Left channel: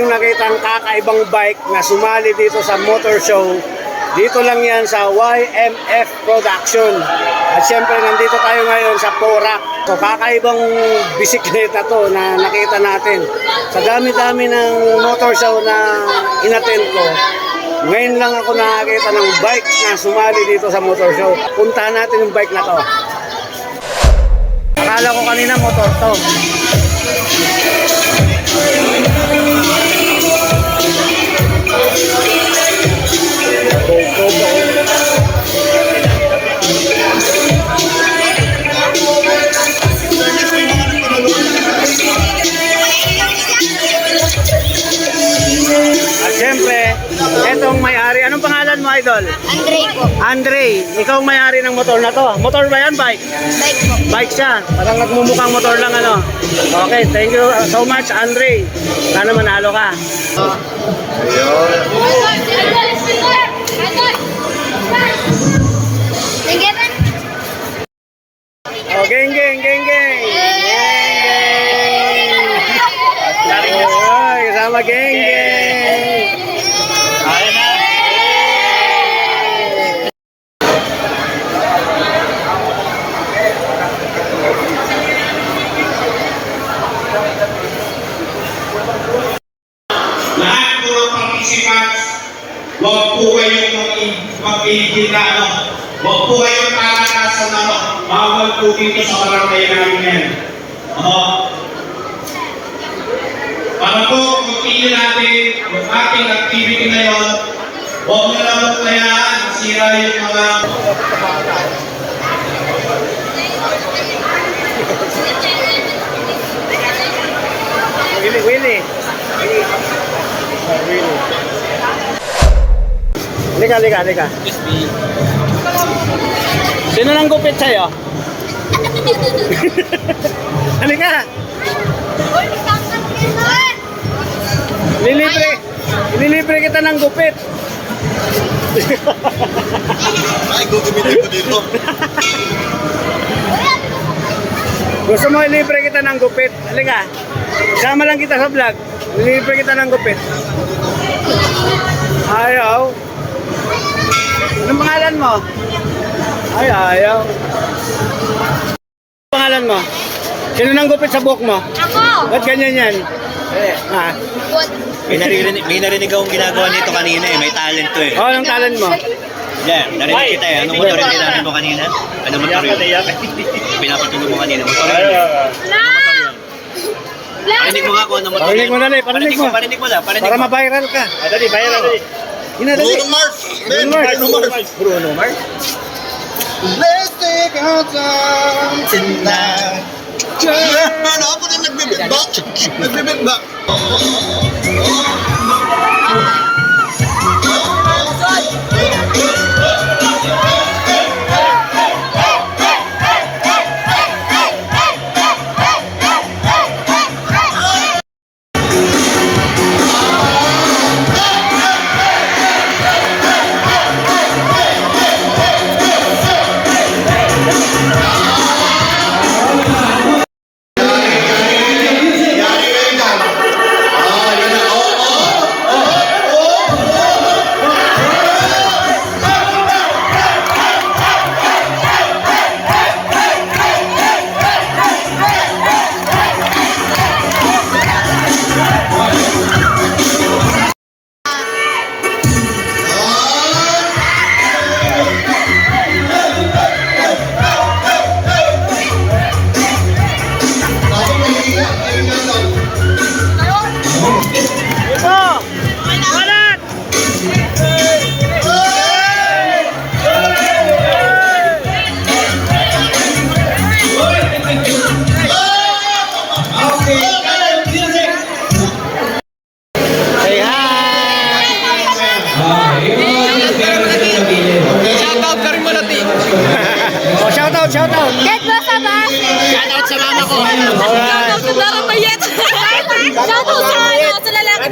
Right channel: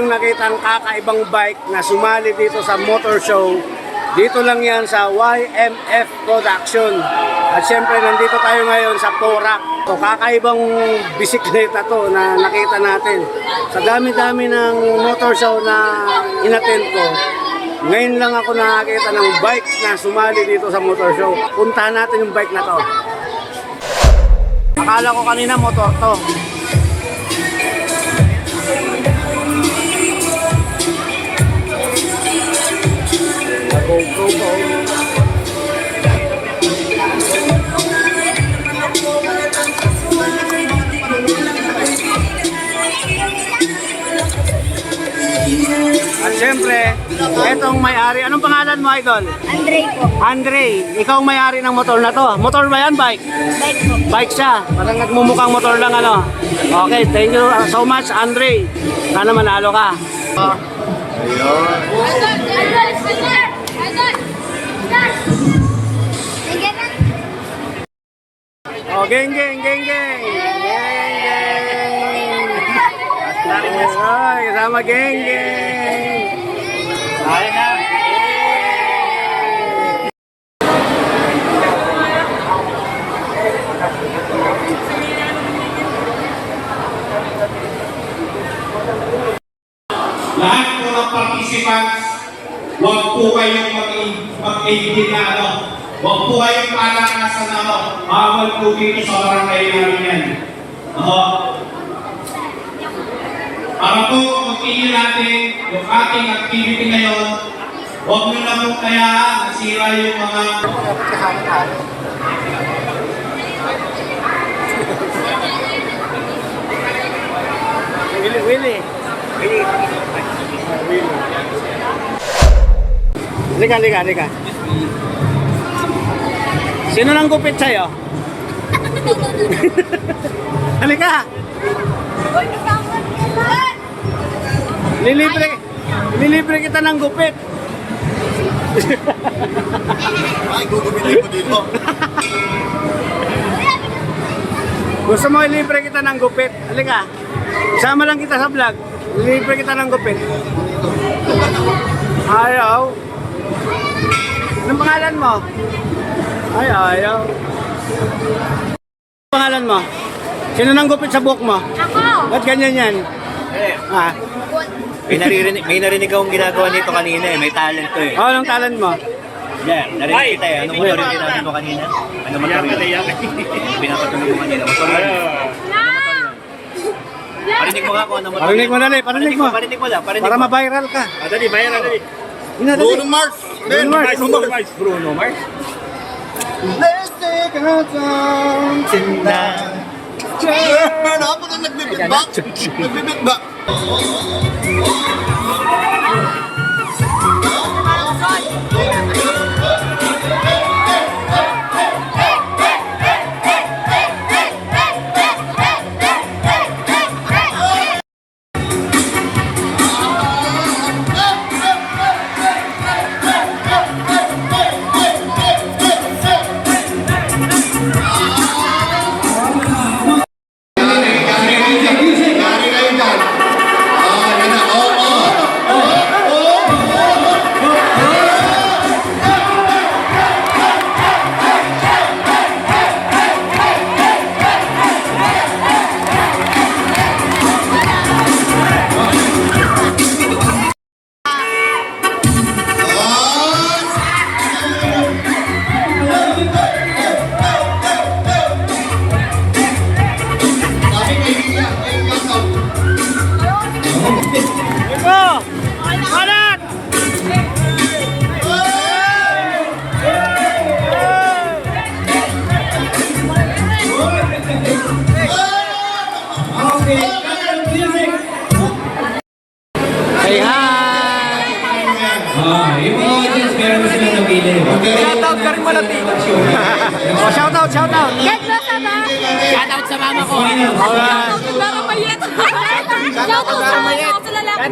tayong nakitang kakaibang bike na sumali dito sa motor show. Dito lang yan sa YMF Production. At syempre nandito tayo ngayon sa Porac. So kakaibang bisikleta to na nakita natin. Sa dami-dami ng motor show na inattend ko, ngayon lang ako nakakita ng bike na sumali dito sa motor show. Puntahan natin yung bike na to. Akala ko kanina motor to. Go. At syempre, etong may-ari. Anong pangalan mo, Idol? Andre po. Andre, ikaw ang may-ari ng motor na to. Motor ba yan? Bike? Bike po. Bike siya. Parang nagmumukhang motor lang ano. Okay, thank you so much, Andre. Sana manalo ka. Ayun. Oh, geng. Ay, kasama geng. Ayun na. Lahat po ng participants, huwag po kayong mag-iigil na ano. Huwag po kayong palakasan na ano. Bawal po dito sa barangay namin yan. Para po mag-iigil natin yung ating activity ngayon, huwag nyo lang po kayaan masira yung mga... Willy. Halika. Sino nang gupit sa'yo? Halika. Nilibre kita ng gupit. Ay, gugumitin ko dito. Gusto mo ilibre kita ng gupit? Halika. Sama lang kita sa vlog. Ilibre kita ng gupit. Ayaw. Anong pangalan mo? Ayaw. Anong pangalan mo? Sino nang gupit sa buhok mo? Ako! Ba't ganyan yan? Ha? May narinig akong ginagawa nito kanina eh. May talent to eh. Oh, anong talent mo? Yeah, narinig kita eh. Anong motor yung tinanong mo kanina? Anong motor yun? Pinapatulog mo kanina. Motor yun. Parinig mo nga kung anong motor yun. Parinig mo. Parinig mo lang. Para ma-viral ka. Dali, viral. Bruno Mars. Bruno Mars. Let's take our time tonight. Ano ako din nagbibigback? Nagbibigback. Shoutout. Get mo sa ba? Shoutout sa mama ko. Alright. Shoutout sa lalaki. Shoutout sa lalaki.